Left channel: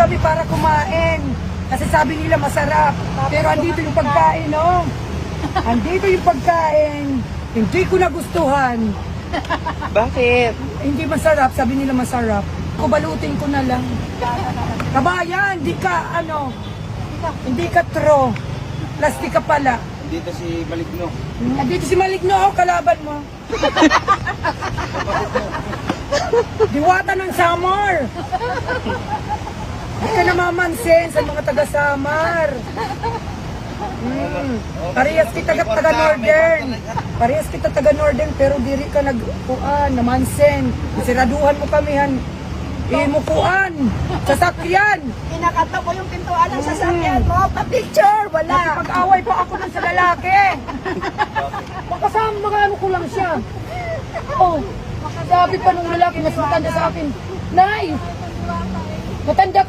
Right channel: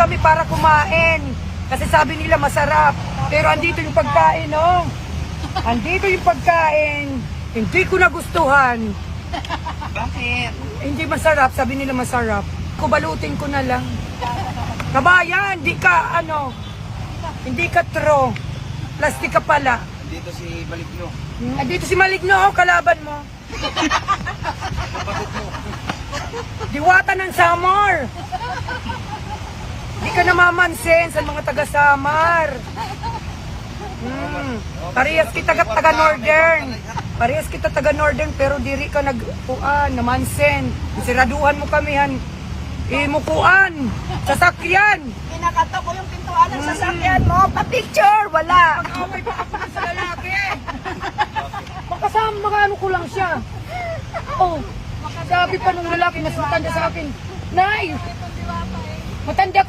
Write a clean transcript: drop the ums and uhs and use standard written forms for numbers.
kami para kumain. Kasi sabi nila masarap. Pero andito yung pagkain, oh. Andito yung pagkain. Hindi ko nagustuhan. Bakit? Hindi masarap, sabi nila masarap. Kubalutin ko na lang. Kabayan, hindi ka true. Plastic ka pala. Dito si Maligno. Andito si Maligno, oh, kalaban mo. Diwata ng Samar. Hindi ka namamansin sa mga taga-Samar. Parehas kita taga-Northern. Parehas kita taga-Northern pero diri ka namansin. Siraduhan mo kami han. Imukuan. Sasakyan. Kinakata mo yung pintuan ng sasakyan mo. Pa-picture! Wala! Pag-away pa ako ng sa lalaki. Makasama, makaano ko lang siya. Oh, sabi pa nung lalaki, mas matanda sa akin, Nay, matanda ka.